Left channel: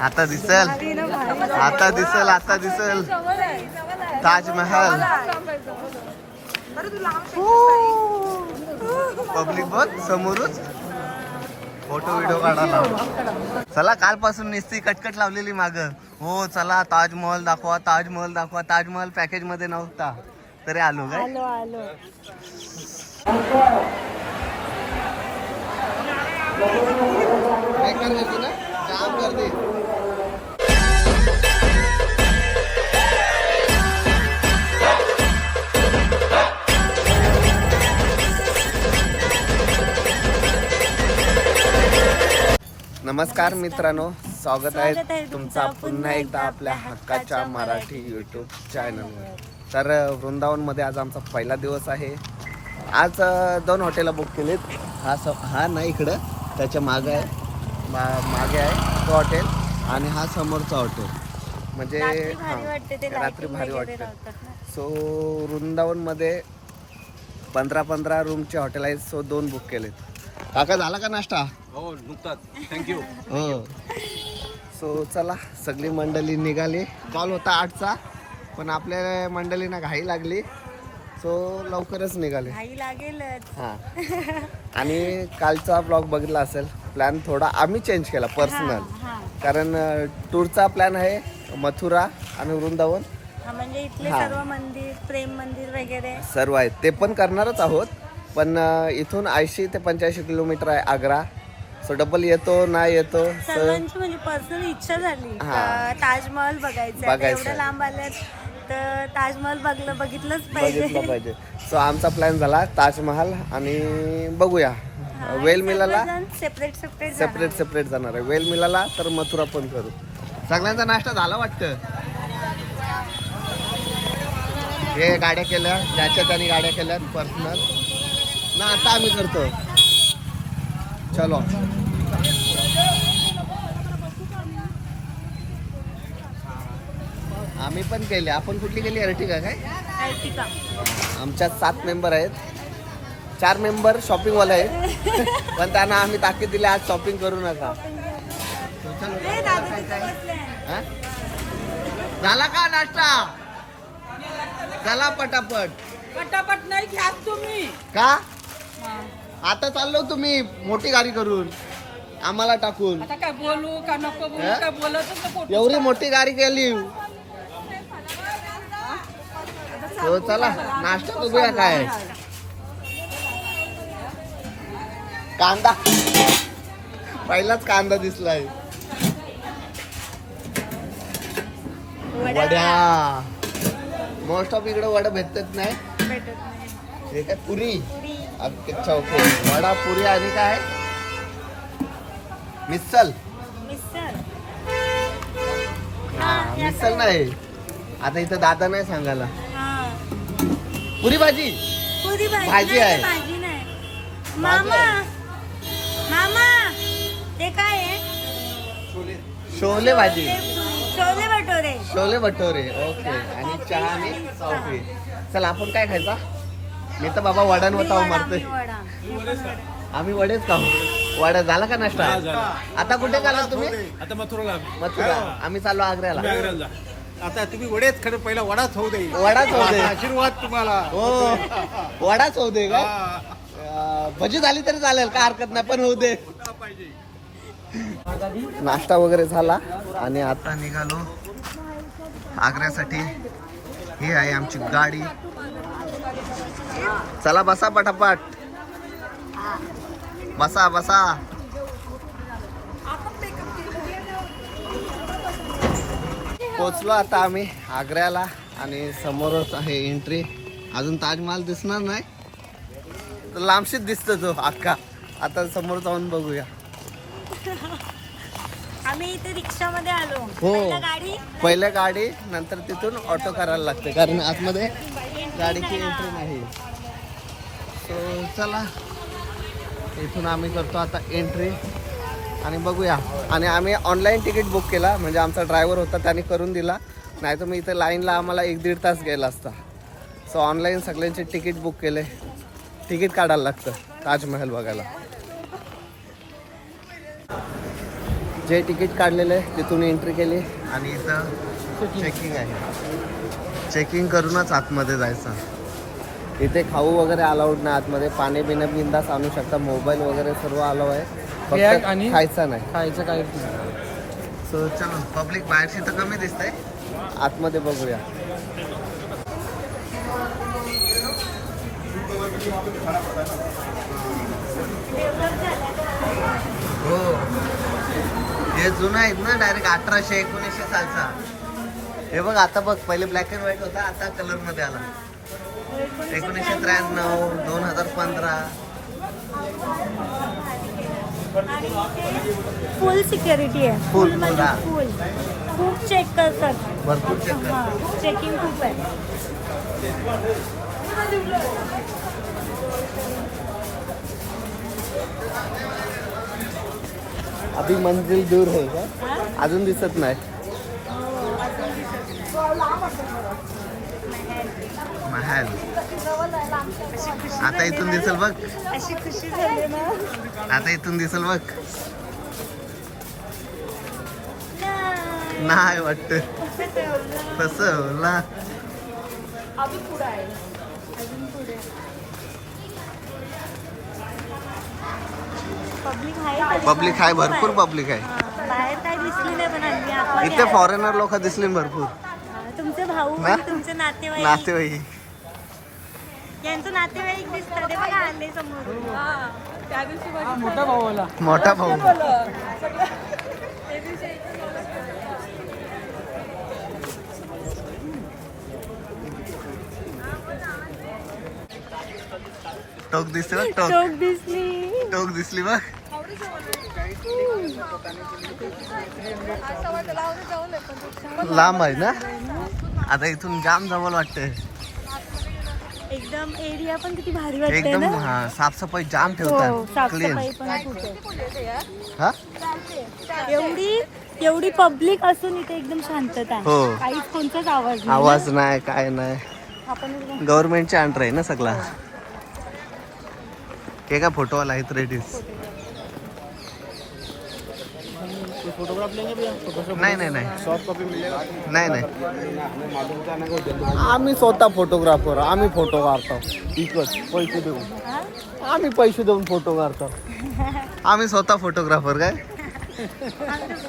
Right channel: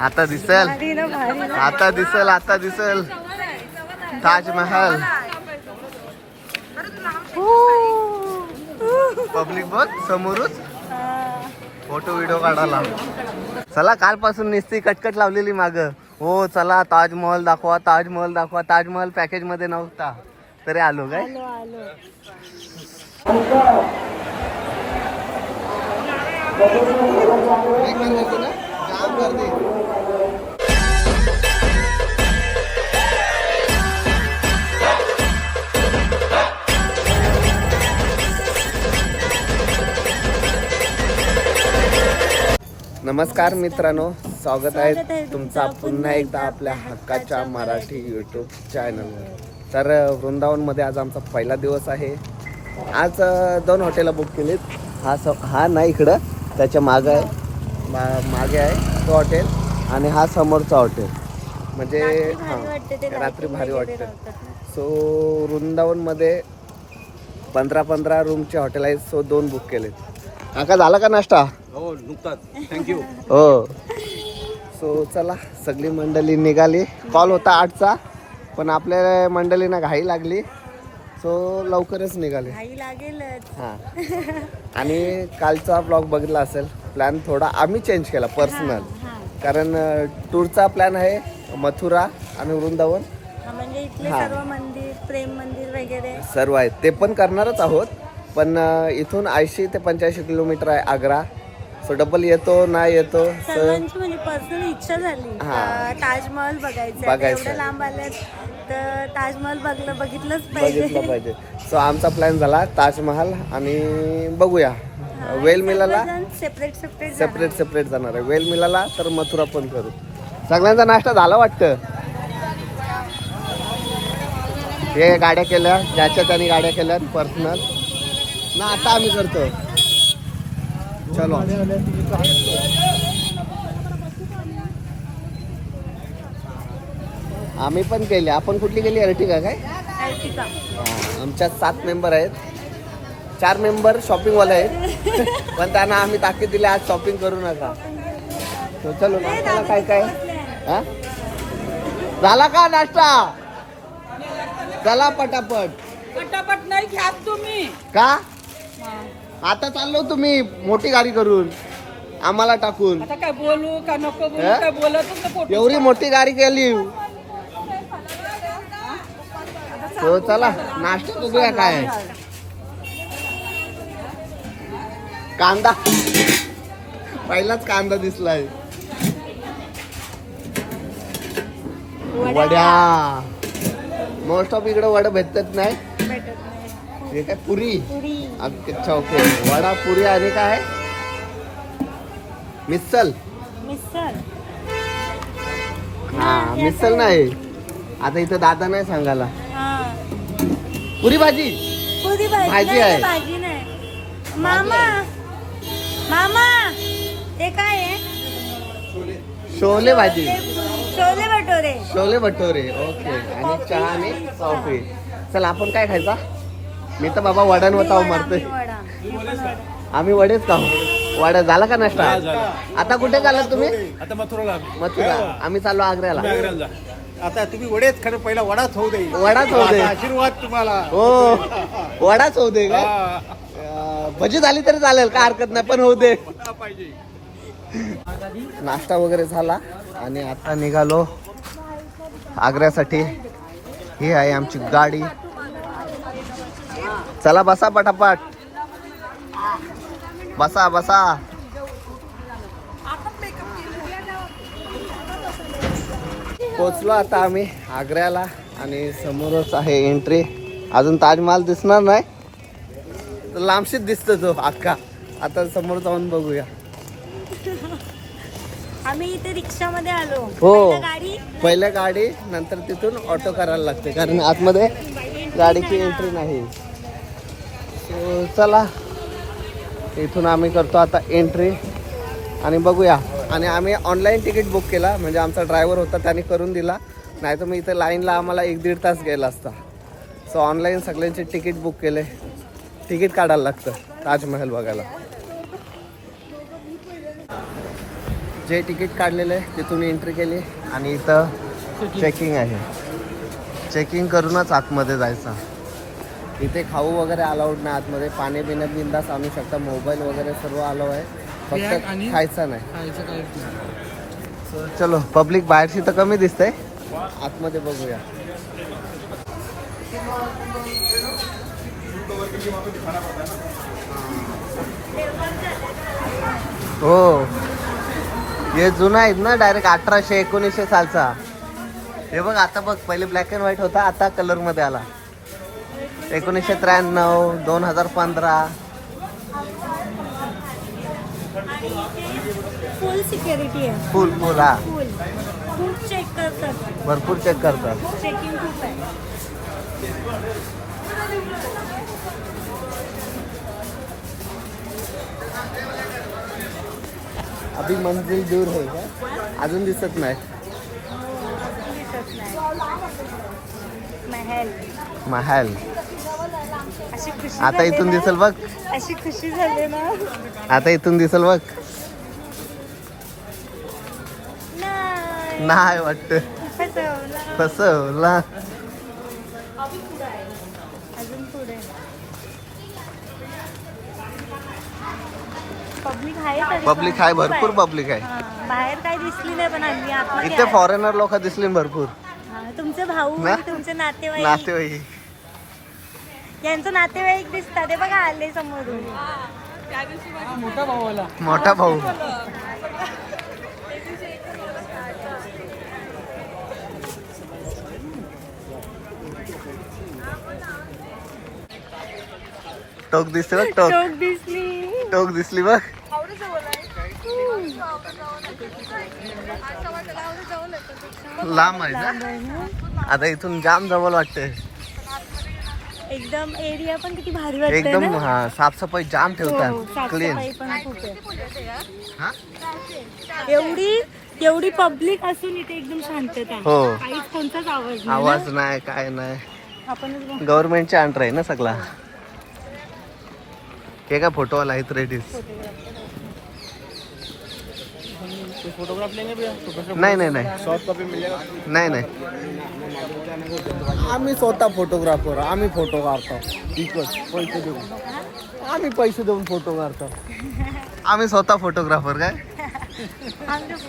आता दिसल. आता दिसल आता दिसल. ताजमहल. पब्लिक बघ समोरच. फोटो व्हिडिओ काढायला. चला कालपासून निस्ती कटकट लावलेली माग. हो चला ताजमहल दाखवा ताजमहल दाखवा. ताजमहल पॅकेजमध्ये नव्हता. तरी आलो काय? आलो नमस्कार मित्रांनो स्वागत आहे तुमचा पुन्हा एकदा आपल्या हक्काच्या मराठी यूट्यूब चॅनलवर तर वृंदावनमध्ये आज आमचा पहिला दिवस आहे. आज दोन हॉटेलं बुक केलीत. हा स हा नाही इकडं त्याच्या मागं आहे. मा मागे आहे तो हॉटेल आणि हा समोरचा हॉटेल म्हणजे हां रात्री भारी वाटतं. सो वृंदावनमध्ये पंधरा पंधरा रूमचे हॉटेल आहेत. सो दोन बुक केलेत. काका झाला का नाश्ता? हो नुकताच. थँक्यू हो. सो चला सगळी मंडळी निघाली. कॉल होता आठचा पण आपल्या मंडळींना घाई लागली. सो लवकरच निघाले. घाई लागेलच. हां. आणि कालचा ब्लॉग बघितला असेल प्लॅन थोडा आम्ही चेंज केला पर्सनल हा कारण टूरचा प्लॅन आहे मथुरा आणि वृंदावन. हा म्हणजे इथले हा. सर्व मंदिर प्रेम मंदिर वगैरे. सर्व आहेत. ते पण करणारच आहोत पण अ, इथून ऐंशी ते पंच्याऐंशी किलोमीटर आहे आग्रा. सो डबल येतो नाही येतो. सर्वांची म्हणजे पर्सनल इच्छा झाली. हा. का ताजमहल बघायचं आता बघायचं एवढं आहे. लांब आल्यात तर ताजमहल बघलं बघितलंच बघितलं पाहिजे. पाहिजे सो आमचा प्लॅन झाला ताजमहल आणि बघूया. वेल मिलाला सेपरेट सेपरेट सेपरेट सेपरेट जाणार आहे. वेल मिलाला तर मथुरा पण करू. सगळ्यांचा नाश्ता झाला वाटतं? हे गाड्या केल्या ज्याच्या त्याने गाड्या केल्या पर्सनल ना आता आम्ही करतो. चलो। आम्ही पण केले. आपण कुठली केली? अर्टिगा काय? अर्टिका आमच्यात सात मेंबर आहेत. चार मेंबर शॉपिंगवाले आहेत. पण त्यांना आम्ही ताकीद दिली आज शॉपिंग करू नका. तो चलो काय काय? झाला का नाश्ता? चला पटापट. पटापट नाही घ्या तुम्ही. का? आता चाललो तुम्ही मोठी गाडी करून. आम्हाला टाकून. आता काय बोलू का नको बोलू हे? काय बोलत एवढी मोठी गाडी केली. तो चला नाश्ता बघूया काय. कांदा. पहिलाच कांदा दिसलाय. वड्या. मोस्ट ऑफ इकडे वडा भेटत नाही हे काय पुरी? अच्छा ओके. वडा पुरी आणि काय मिसल हा मिसल नाही. आता इथं दादा नाही सांगायला. पुरी भाजी? पुरी भाजी आहे. भाजी नाही. मामा. मामा. ते काय आहे? शोले भाजी. छोले भटोरे. शोले भटोरे. ओके. आणि चहा आणि कॉफी चला आपण काय खायचा? मी तर बाबा वडान मी वताव वडा, मारतोय. आम्ही वडेच खाऊ. वडा झाला का नाश्ता? आता कुठे चालला तुम्ही? आता मथुराला मथुरा. आम्ही चाललो आग्र्याला. आता तुम्ही वडेच खरं पहिला वडाच होऊ दे. वडाच होऊ दे. आशीर्वाद तुम्हाला. हो. वडाच होऊ दे का? हा. भजी झाली तरी चालेल का हरकत नाही पण होऊ दे. नाश्ता वगैरे झाला आणि आता निघालो आग्र्यासाठी. ही आहे आमची गाडी. चला बसा पटापट. बसा बसा. पोचलो आता आम्ही आग्र्याला आणि समोरच आहे एंट्री अजून ताजमहाल दिसणार नाही. तर लांबशीच दिसतो तो अख्खा आता समोर जाऊन बघूया. आम्ही इथे रिक्षामध्ये आलो. हो. पहिला गाडी. पहिल्या गाडी नंतर तिथून ऑटो करायला लागते. कारण आतमध्ये गाडीची एंट्री नाही. सो चला. इथून आम्ही करतो आता एंट्री आणि बघूया. आणि आम्ही ऑनलाईन तिकीट बुक केला. म्हणजे आमचा ड्रायव्हर होता त्याने करून दिला. नाही तर मग इथं लाईनला आम्हाला एक दीड तास गेला असता. सो ऑनलाईन सगळ्यांचे तिकीट बुक केले. तिकीट काढायला लागतं. ताजमहल बघायला. जे तिकीट काढलेलं आहे तिथून एंट्री केली. आणि इथं चेकिंग आहे. चेकिंग करूनच आतमध्ये जायचं. इथे खाऊ वगैरे अलाउड नाही. आतमध्ये पाणी बिणं बिंदास आणू शकता. मोबाईल वगैरे सर्व अलाव आहे. फक्त आणि- खायचा नाही. खायचं काय So, चलो पब्लिक बाहेर तिथं कमी दिसतंय. आतमध्ये बघूया. हो. हे जुना आहेत ना डायरेक्ट अठराशे एकोणीसशे सालचा. हे बघ आता बघ पहिले ब्लॅक अँड व्हाईट होता आता कलरमध्ये आला. एकोणीसशे त्र्याण्णव दोन हजार पंधरा. फुल सिक्युरिटी आहे. Full, full, हा. फुल खूप चेक करतात. भरपूर चेक करतात. चेकिंग खूप आहे. अभी मंजिल दूर आहे का अजून दिसत नाही. महाल. आता इथून दिसल बघ. आता इथून दिसल बघ. नाही वाटत. तस पब्लिक पब्लिक आहे भरपूर पब्लिक आहे इथे फॉरेनर लोक दिसली भरपूर आलो. तुमचे भाऊ ना? तुमचे नातेवाईक. नातेवाईक. यांचं नातेवाईक दिसतात बघा आले समोर मोठा भावाला मोठा भाऊ. टोक दिसते बघ टोक. टोक दिसली. टोक दिसली बघ. लांब आहे ना? आता इथून जाम जवळ वाटते एकदम एरिया पण किती भारी वाटते एकदम ना? हा साफसफाई जाम हो, ठेवतात. क्लीन हा? एवढी एवढी पब्लिक असून इथे एकदम शांतता. हो. काहीच कोणताच आवाज नाही. आवाज नाही काय नाही. आपण गव्हर्नमेंटच्या अंडर आहे ना सगळा. हे काय फोटो आला आहेत रेडीज फोटोग्राफ लेंगे भैया? फोटोग्राफ नाही नाही नाही. सॉफ्ट कॉपी मिलेगा। नाही नाही. आम्ही स्वतः फोटोग्राफर आम्ही फोटो काढतो इकच पैसे देऊन. हा? आम्ही पैसे देऊन फोटो काढतो आम्ही स्वतः फोटोग्राफर काय?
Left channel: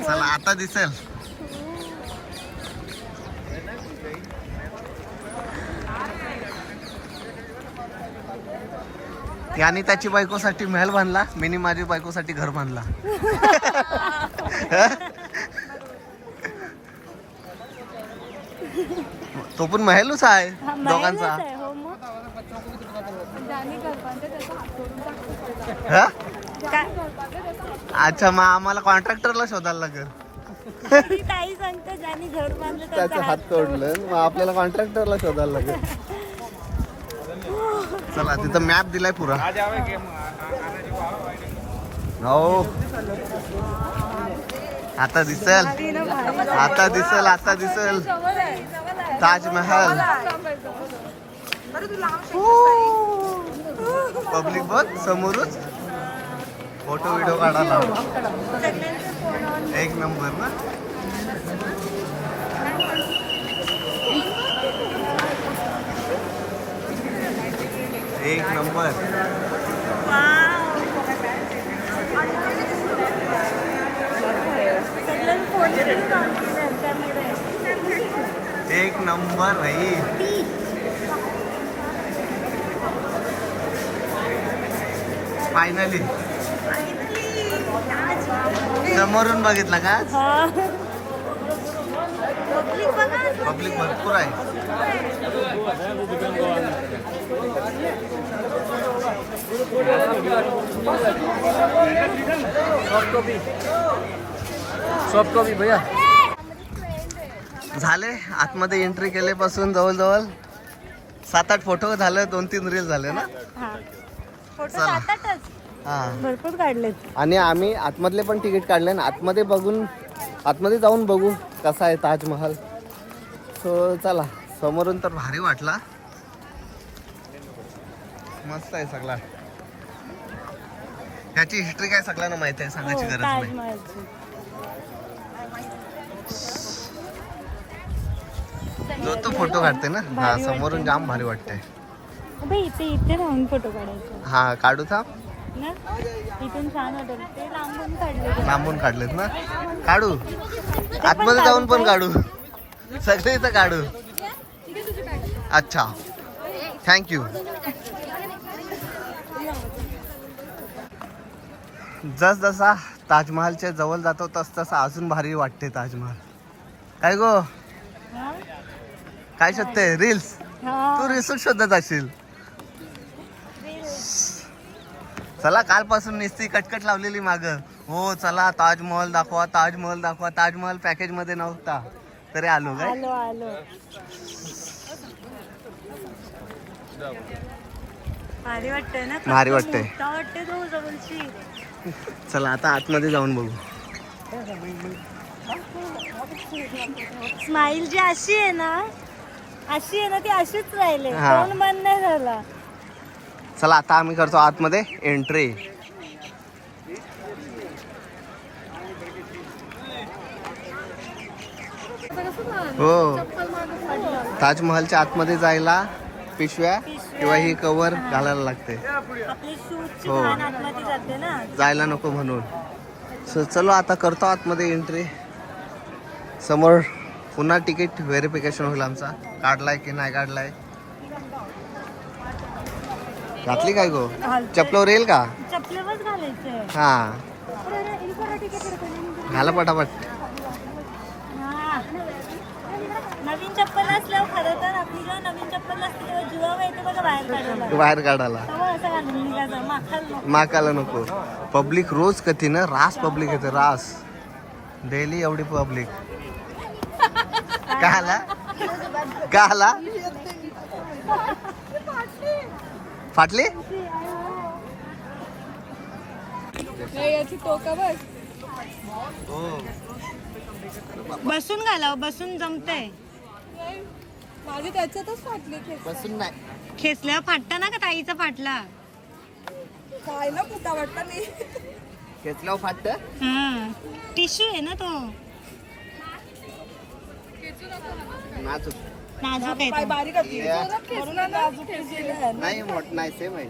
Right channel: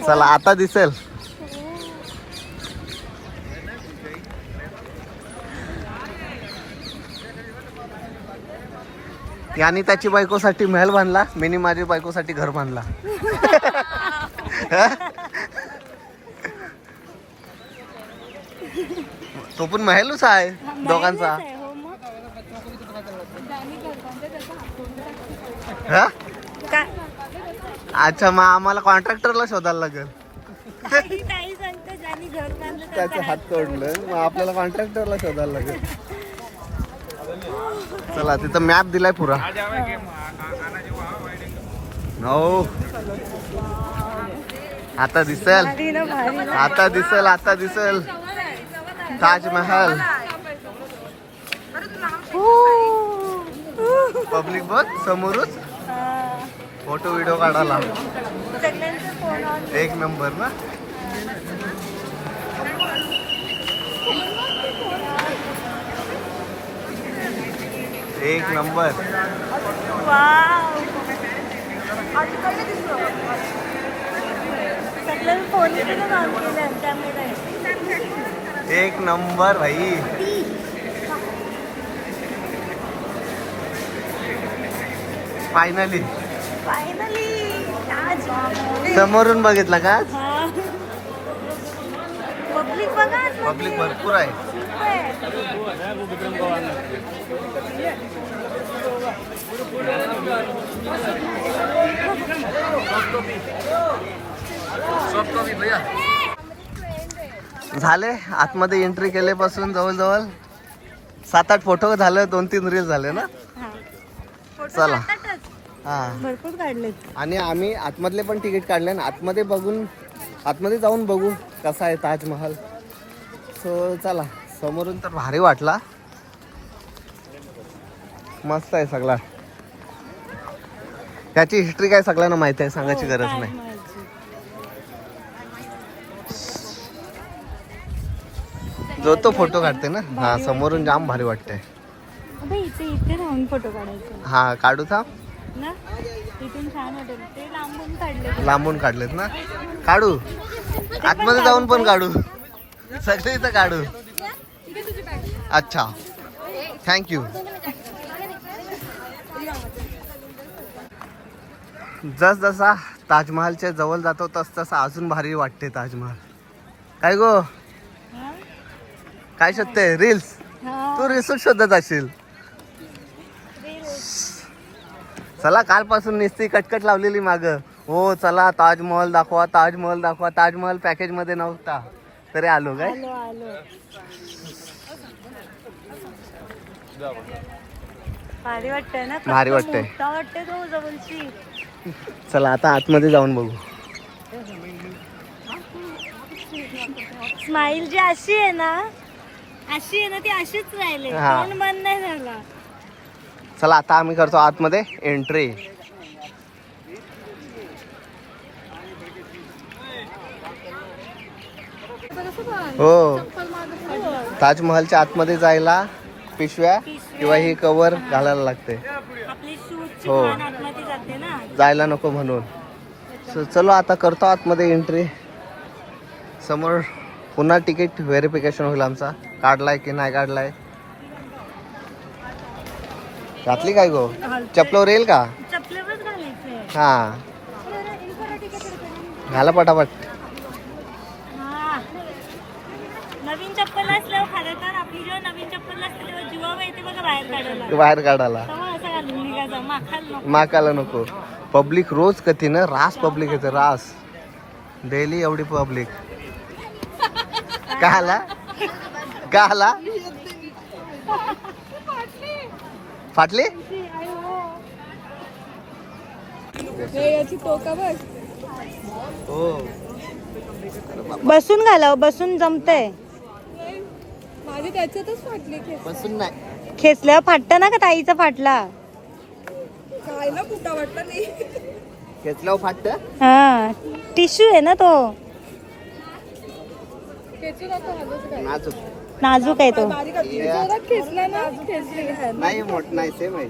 चला आता दिसेल. याने त्याची बायकोसाठी महल बांधला मिनी माझी बायकोसाठी घर बांधला. तो पण महलच आहे हा, दोघांचा. हो. हा? अच्छा मग आम्हाला कॉन्ट्रॅक्टरला शोधायला लागेल. त्याचं हात तोडलं. मग आपल्याला कॉन्ट्रॅक्टरला शोधायला लागेल. चला तिथं मॅप दिलाय पुरा. हो. आता दिसल. आता दिसल आता दिसल. ताजमहल. पब्लिक बघ समोरच फोटो व्हिडिओ काढायला. एक नंबर ना? एक नंबर. एक नंबर भाई। फायनली समोरून बघितलं का? पब्लिक भरपूर आहे. झाले आतमध्ये एंट्री केल्यापासून जवळजवळ सात आठ फोटो झाले दोन तीन रील झाले ना? चला. हा. भरपूर काढलेत. आणि आम्ही आतमधले पण तिकीट काढले आणि आतमध्ये बघून आतमध्ये जाऊन बघू कसा आहे ताजमहल. सो चला. समोरून तर भारी वाटला. मस्त आहे सगळा. त्याची हिस्ट्री काय सगळ्यांना माहिती आहे सांगायची हो, गरज नाही. जो तो फोटो काढते ना हा समोरून जाम भारी वाटते अबे इथे इथे राहून फोटो काढायचे. हा काढू थांब. ना? इथून छान वाटेल. ते लांबून काढले लांबून काढलेत ना? काढू. आतमध्ये जाऊन पण काढू. सगळे इथं काढू. अच्छा. थँक्यू जस जसा ताजमहालच्या जवळ जातो तस तसा अजून भारी वाटते ताजमहाल. काय गो? काय शोधते रील्स. तू रील्स शोधत असशील. चला कालपासून निस्ती कटकट लावलेली माग. हो चला ताजमहल दाखवा ताजमहल दाखवा. ताजमहल पॅकेजमध्ये नव्हता. तरी आलो काय? भारी वाटतंय चला आता आतमध्ये जाऊन बघू. स्माईल जी अशी आहे ना अशी आहे ना ती अशीच राहिले. हा. कोण बंद नाही झाला. चला आता आम्ही करतो आतमध्ये एंट्री हो. ताजमहलच्या आतमध्ये जायला पिशव्या किंवा ही कवर घालायला लागते. आपली हो. घाण आतमध्ये जाते ना. जायला नको म्हणून. सो चलो आता करतो आतमध्ये एंट्री समोर पुन्हा तिकीट व्हेरिफिकेशन होईल आमचा. काढलाय की नाही काढलाय? घातली काय गो? चपलावर येईल का? हा. घाला पटापट. हा. नवीन चप्पल असल्यावर खरं तर आपली जेव्हा नवीन चप्पल असते तेव्हा जीवावर येते बघा बाहेर काढायला. बाहेर काढायला. तेव्हा असं घालून निघायचं माखाल नको. माकाला नको. पब्लिक रोज कधी ना? रास पब्लिक येते रास. डेली एवढी पब्लिक. का आला का आला फाटली याची टोका बस. हो. बसून घालाव बसून जमतंय. माझे त्याच्यातच फाटले बसून नाही. खेचल्यावर फाटतं ना का ताईचा फाटला? काय ना कुठं वाटतं नाही. घेतल्यावर फाटत? हा. टिश्यू आहे ना तो. नाजूक. नाजूक आहे तो. ना ना. नाही मोठ नाही सेम आहे.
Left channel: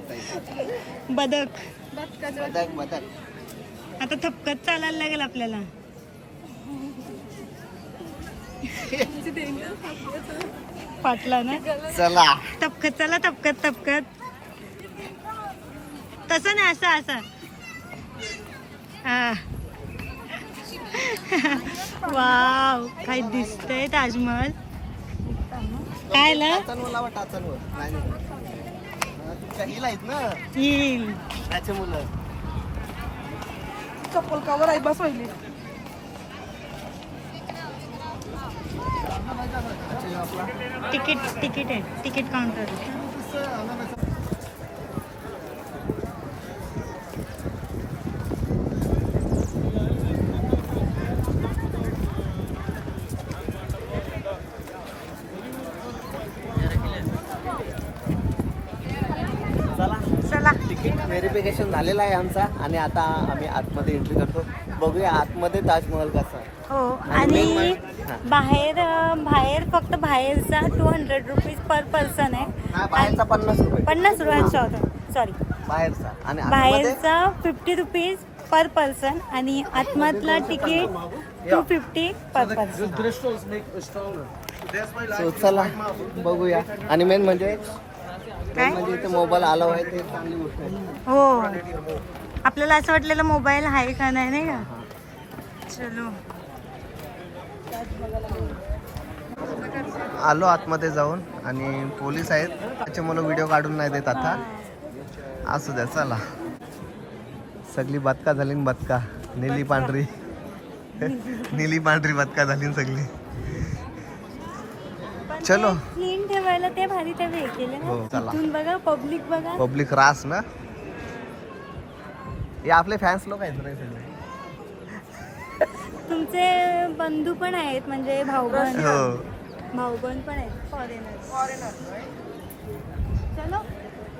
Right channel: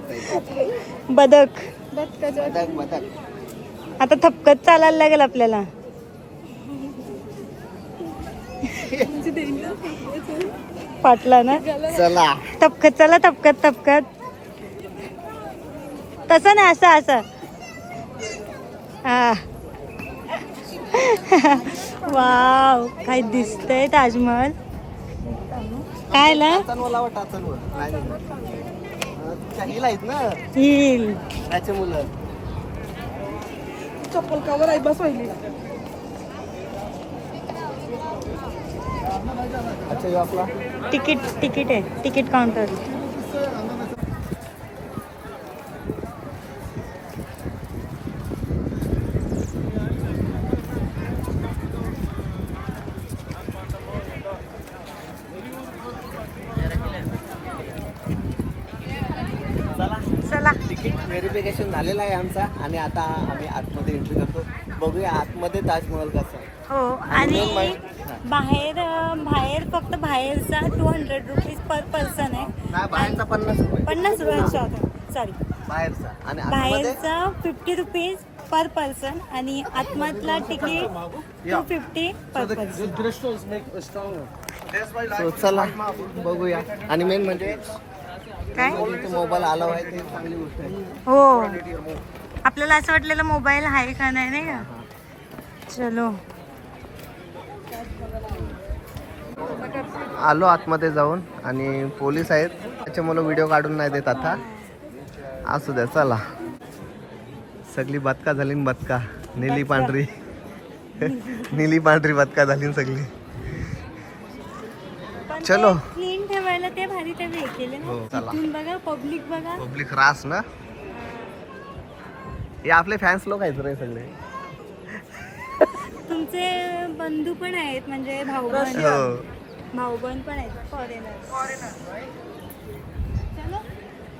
बदक. मदक मदक आता थपकत चालायला लागेल आपल्याला. फाटला ना? चला. तपकत चला तपकत तपकत तसं नाही असं असं. हा. वाव काय दिसतंय ताजमहल. काय ला टाचनवर टाचनवर नाही नाही. हिला चप्पल कवर आहे? बस तिकीट तिकीट आहे तिकीट काउंटर चला चला तिकीट व्हेरिफिकेशन झालेलं आहे आमचा आणि आता आम्ही आतमध्ये एंट्री करतो. बघूया आतमध्ये ताजमहल कसा आहे. हो आणि बाहेर अं, बाहेर फक्त बाहेरचा two hundred rupees per person आहे. नाही, बाहेरचा पन्नास रुपये. पन्नास रुपये सॉरी बाहेरचा. आणि बाहेरचा फिफ्टी रुपीज पर पर्सन आणि आतमधला ticket two fifty per person So, चला बघूया. आणि मेन म्हणजे काय? म्हणजे मोबाईल आला आहे चांगली गोष्ट हो. आपल्याला असं वाटलेलं मोबाईल आहे का नाही नाही का? चलो. आलो आतमध्ये जाऊन आणि पोलीस आहेत. त्याच्यामुळे व्हिडिओ काढून नाही देत आता. असू द्या चला. सगळी बदका झाली बदका. निली पांढरी. निली पांढरी बदका झाली सगळी. चलो. ठेवायला ते भारी ते हे केले हो, चला. बघा पब्लिक बघा. पब्लिक रास ना. हे आपले फॅन्स लोक आहेत रे सगळे. तुमचे बंधू पण आहेत म्हणजे भाऊ बहीण हो. भाऊ बहीण पण आहेत. चलो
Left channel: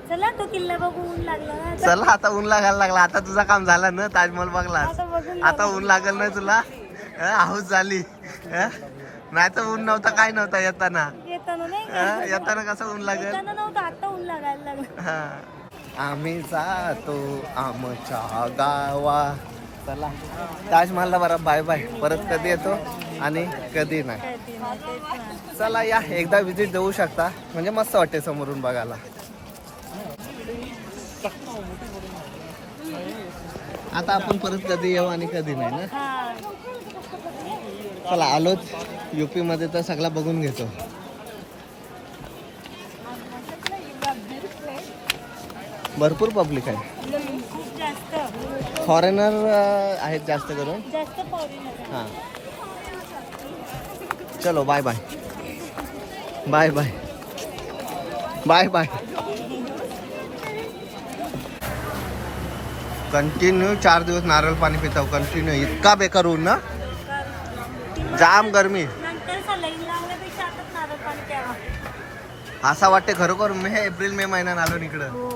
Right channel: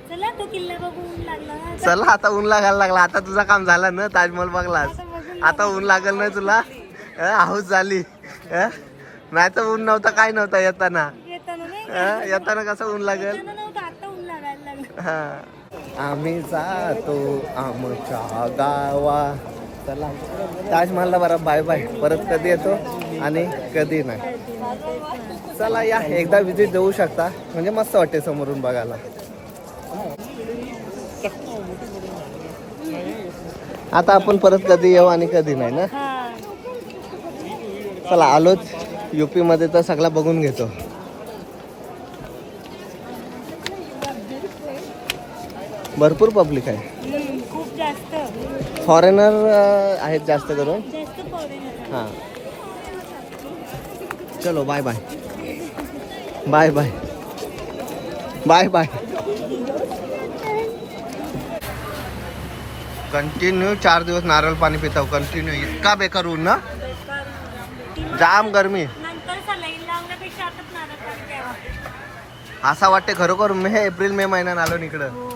चला तो किल्ला बघून लागला ना आता. चला आता ऊन लागायला लागला. आता तुझा काम झालं ना ताजमहल बघलास. आता बघून आता ऊन लागल ना तुला? हाऊस झाली. नाही तर ऊन नव्हता काय नव्हता येताना. येताना नाही का? हा, येताना कसं ऊन लागेल? येताना नव्हतं आता ऊन लागायला लागलं. हा. आम्ही जातो आमच्या गावा. चला. ताजमहलला बरा बाय बाय परत कधी येतो आणि कधी नाही. चला या. एकदा विजिट देऊ शकता. म्हणजे मस्त वाटते समोरून बघायला. आता आपण परत कधी येऊ आणि कधी नाही ना? हा. चला आलोच युपी मध्ये तर सगळा बघून घेतो. भरपूर पब्लिक आहे. खूप जास्त. फॉरेनर आहेत जास्त करून. जास्त हां. चलो bye bye bye bye bye bye continue चार दिवस नारळ पाणी पिताव. कंटिन्यू इतका बेकार ऊन ना. जाम गरमी. नंतर सलाईन लावण्यापेक्षा आता नारळ पाणी प्यावा. असा वाटते खरोखर मे एप्रिल मे महिन्यात आलो इकडं हो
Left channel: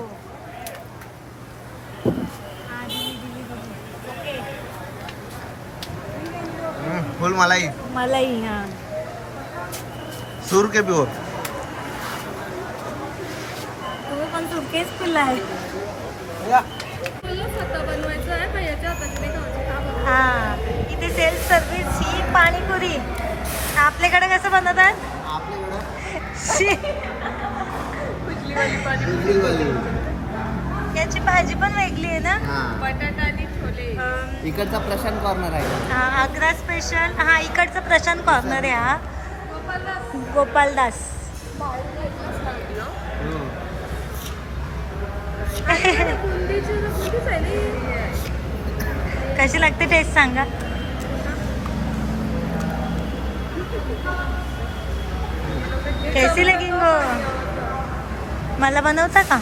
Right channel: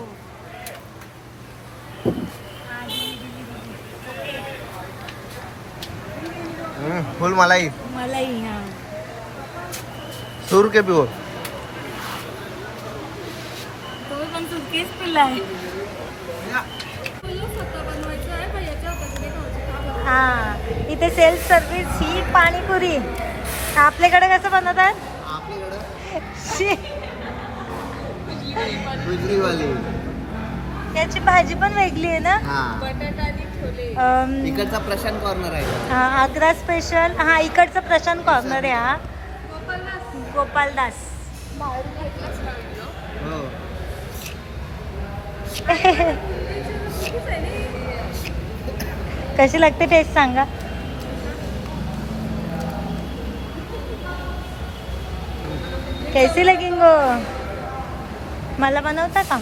हम्म, फुल मलाई मलाही हा. सूर के पिओ तुम्ही पण सुटकेच पिलाय. आहे? हा इथे सेल्फ सर्व्हिस ही पाणीपुरी. आपल्याकडे कसं बनवतात? शी. याची भाजी पण वेगळी आहे ना? बटाटा आणि इकडचा प्रशांत कॉर्नर आहे. हा आग्रा स्पेशल हा इकडचा प्रशांत कॉर्नर आहे हा. गोपालदास. हो. कशी लागते टेस्ट सांगा. कैसी लगेंगो मला बनवता का?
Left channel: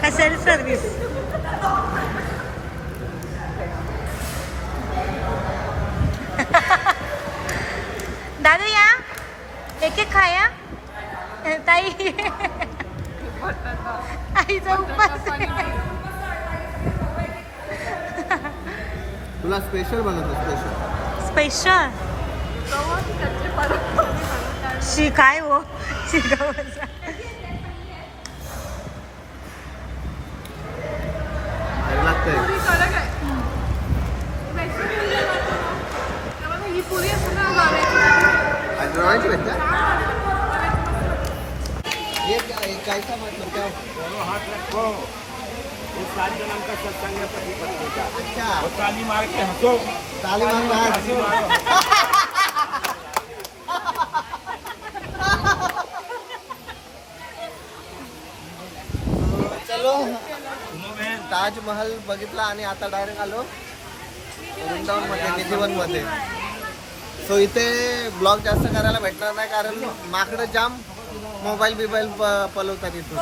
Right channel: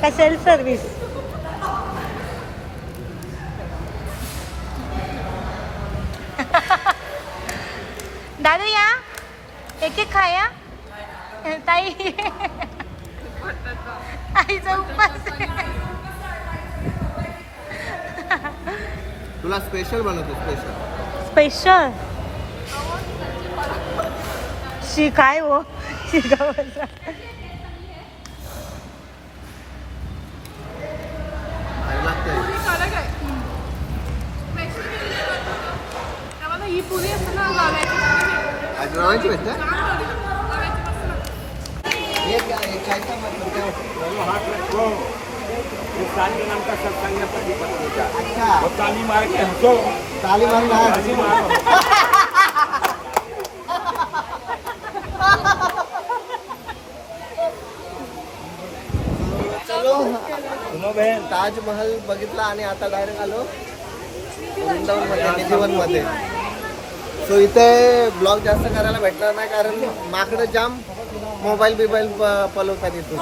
का सेल्फ सर्व्हिस दादू या. एक एक खाया ताई. आईचा उपास. तुला स्पेशल बनवतो स्पेशल स्पेशल शी काय हो? शिकावचा पुरी कडक ही. का सत्संग है पति पत्नी का अच्छा. वो ताली मार के हंसो ताली मारून हात. ताली मारो चलो. सुनो बहन ताजमहल बघितला आणि आता डायरेक्ट आलो वृंदावनमध्ये निधिवनमध्ये सो इथे ब्लॉग जास्त करायला भेटणार नाही कारण माकडं जाम मोबाईल बिबाईल प- पलवतात इथून.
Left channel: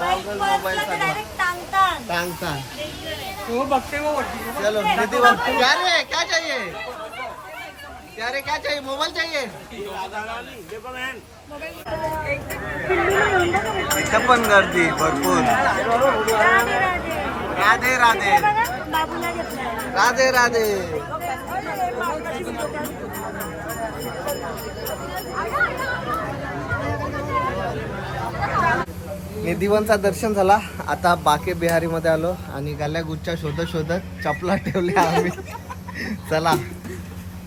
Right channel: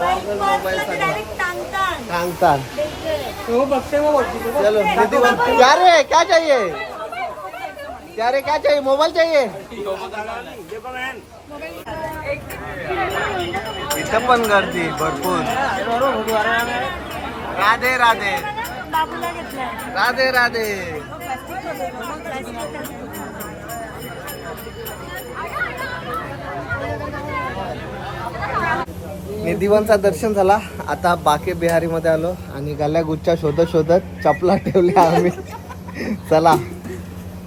गॉगल मोबाईल सांगतात डेंजर चलो निधिवन क्या रे क्या चाहिए? क्या रे क्या चाहिए? मोबाईल चाहिए? इथं पण गर्दी भरपूर. राधे राधे. राधे राधे. निधिवनचा दर्शन झाला. आता बाके बिहारी मध्ये आलो आणि गल्ल्या गुच्छा शोधत शोधत चपला ठेवल्या आम्ही. चला.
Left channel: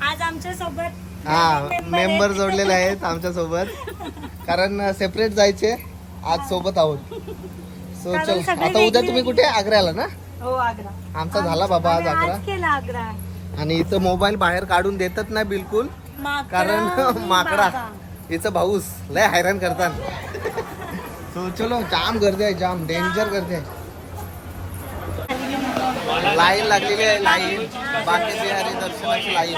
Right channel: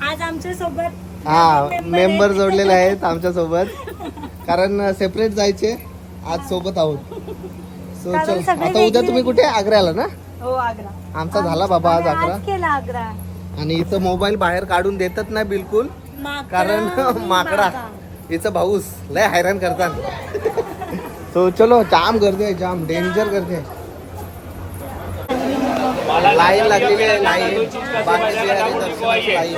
आज आमच्यासोबत हा मेंबर जोडलेले आहेत आमच्यासोबत कारण सेपरेट जायचे आज सोबत आहोत. सो चल आता उद्या तुम्ही कुठे? आग्र्याला ना? हो आग्रा. आमचा झाला बाबा आज केला आग्रा. आणि इथं मोबाईल बाहेर काढून देतच नाही बिलकुल. कारण माकडा. हिचं भाऊस लय हैराण करतात. तो चलो जाम गर्दी आहे जाम. डेंजर गर्दी आहे. लाईन लागलेली आहे लाईन बाकी बिहारी दर्शनाची लाईन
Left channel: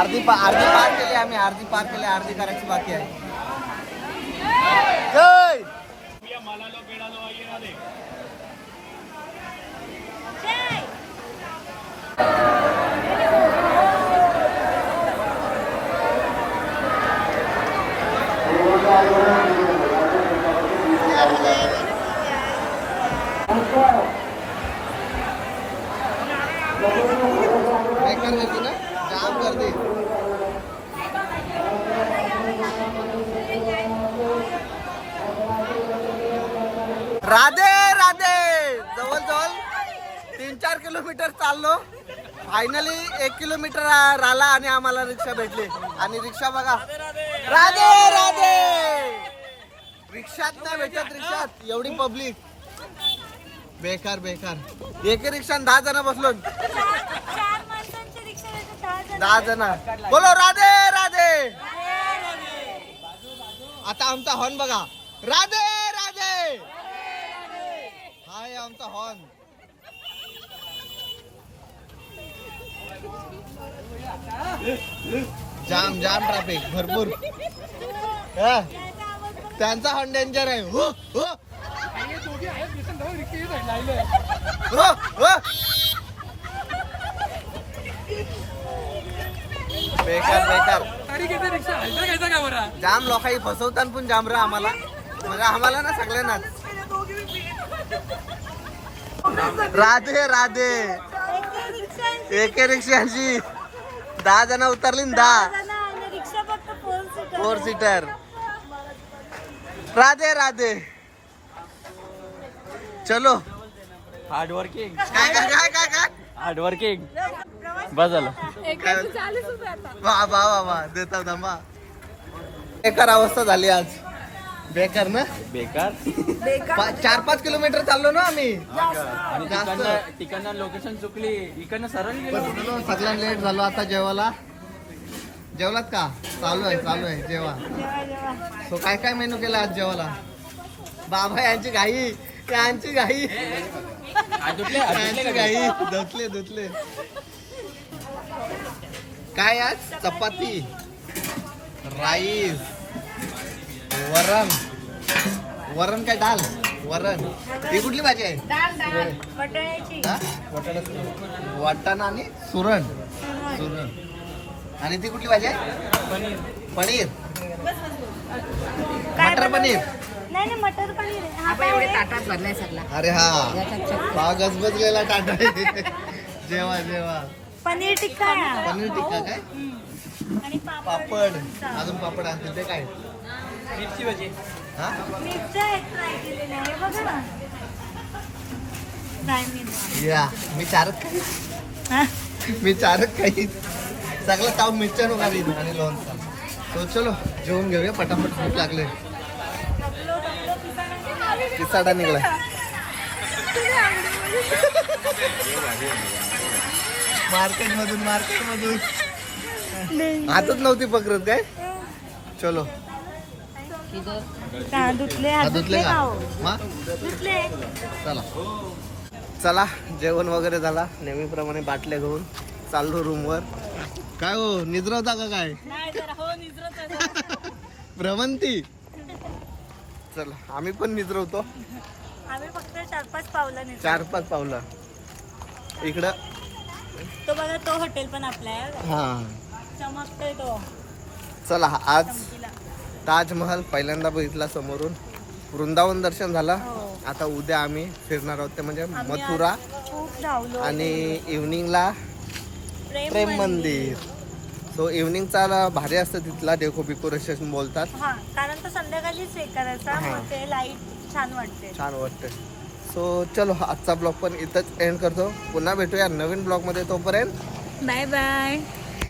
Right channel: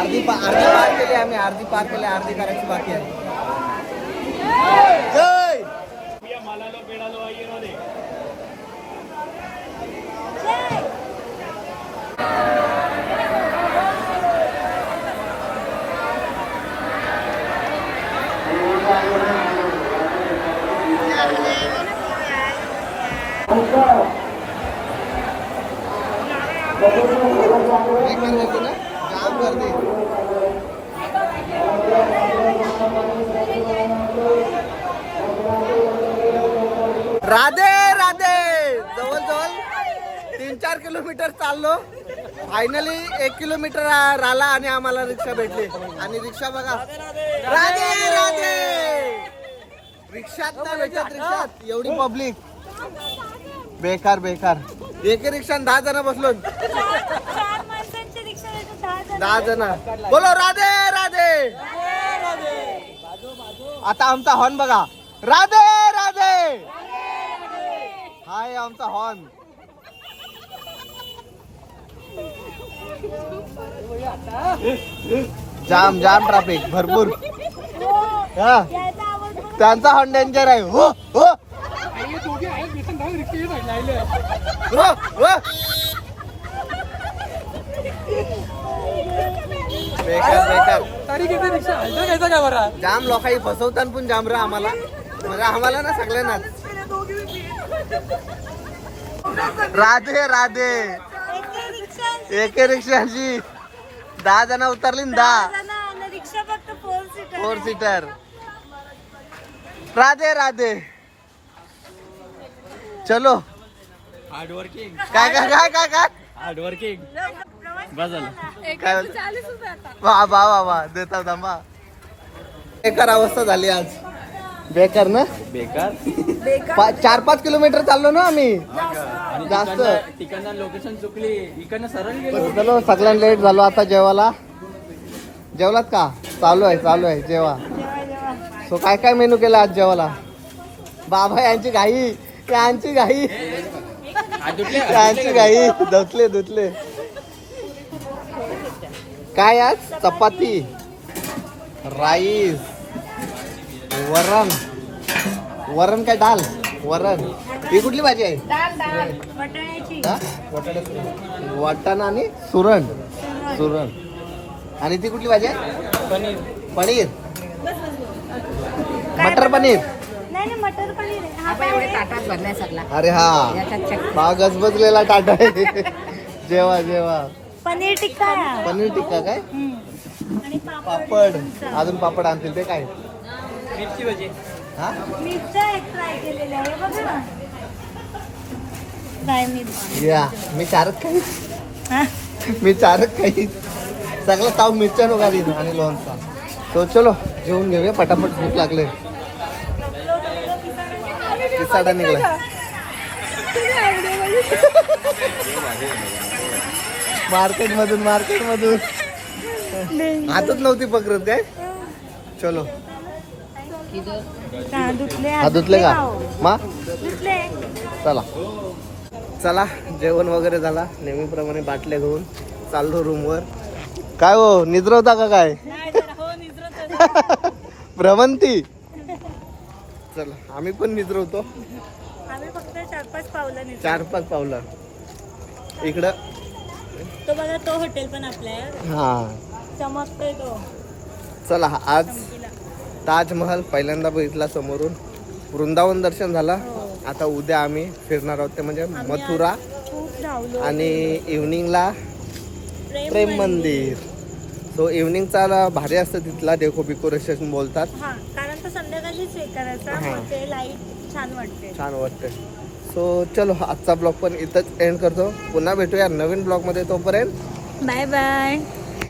अर्धी पा अर्धी पार केली आम्ही अर्धी पार केली अर्धी करायची बाकी आहे जय बेकार गर्दी ना जाम गर्दी राधे राधे! जवळ जवळ तीन चार किलोमीटर चाललो. फायनली एक किलोमीटर राहिला आणि आम्हाला रिक्षा भेटली. आणि रिक्षा बघा. राधे राधे! रिक्षात नाही भेटत रिक्षात. एवढी पब्लिक बेकार बेकार. एक रिक्षात दहा जण बसलो. रिक्षा दहा जण. बोलो राधे राधे! आता आमचा हॉर्न बघा. राधे राधे! आहे आमचा हॉर्न जाम जाम ट्रॅफिक भरपूर. हा. त्यांचा हॉर्न डेंजर आहे. हो हो. हो हो बेकार बेकार. जाम लोकांनी फसवतात पण जाम रा आम्हाला. म्हणजे आम्हाला ना सगळ्यांनाच. राधे राधे. एके रिक्षाची. दहा जण उतरली दहा. रिक्षा फक्त फोर सीटर राधे राधे. चलो. हार्ड वर्किंग काय काय काय काय काय? हार्ड वर्किंग बस झालं. वा वा वा वा. देता थांबा. बेकार अवस्था झाली आज. बेकार ना? बेकार. पा- चार पाच किलोमीटर चाललो ना आम्ही. आणि जास्त. तिकडनं तिकडनं लोकेशन चुकली. इकडनं सरळ गेलो. लेट झालो? आता जेवायला. जेवलात का? चालू आहे चालू आहे जेवा. सो काय काय मेनू केला आज जेवायला? बाबा यांची घाई. यांची घाई. यांची घाई. धुतले धुतले. काय आज? चपाती. राईस वरण. वरण काय डाल वरण. ही कुठली भाजी आहे? वटाण्याची? वाटाणा आणि सुरण. सुरण. आणि ती कुठली भाजी आहे? पनीर. मटर पनीर. नाही नाही मटर पनीर आहे. हा काय आहे? ताटात भरलाय सगळा. अरे हा. बा गजबजलेला टाटा आहे. जेवा जेवा. पनीर टिक्का. आहे. पनीर टिक्का काय? हम्म. आणि पापड पापड. अजून पापड आणतील ते काय? मिरची भजी. हा? मिरच्या एक केलेल्या आहे बघा ना. फ्राय मिरची या मी चारक काही हा? मी चारक काही सगळं ताव मिरच्या नका देईन आणि लोणचा. तो चलो जेवून घेऊया पटापट भूक लागले. किसाडा निघला. मार्केट मधून मार्केट मधून हातच नव्हती पकडत काय? चलो. धुतले हा हात धुतले का? हो. मा? धुतले. चला. चला जेवण वगैरे झाला. नेहमीप्रमाणे बाटल्या घेऊन चाललो रूमवर. काय हो निद्रवता का काय? नाही जरा हो निद्रत भ्रमंती. चला आम्ही पण निद्रवतो. आम्ही फक्त चार पाच पावलं चार पाच पावलं. इकडं. तो बघा तो हॉटेल पण आपला आहे. हा. चमकतोय तो. चला आज. ताजमहल पहिल्यांदा बघितला समोरून. वृंदावन दर्शन झाला. हो. आता उद्या आम्ही फिरणार आहोत ते म्हणजे मथुरा आणि इव्हनिंगला प्रेम मंदिर. सो इव्हनिंगचा भारी असतं तिथला डेको डेकोरेशन बोलतात. हा कारण तो संध्याकाळीच हे. करायचा ते लाइट छान वाटते. छान वाटतं. सो चलो आजचा ब्लॉग पण इथंच एंड करतो. पुन्हा भेटूया नवीन ब्लॉगमध्ये तोपर्यंत. Bye bye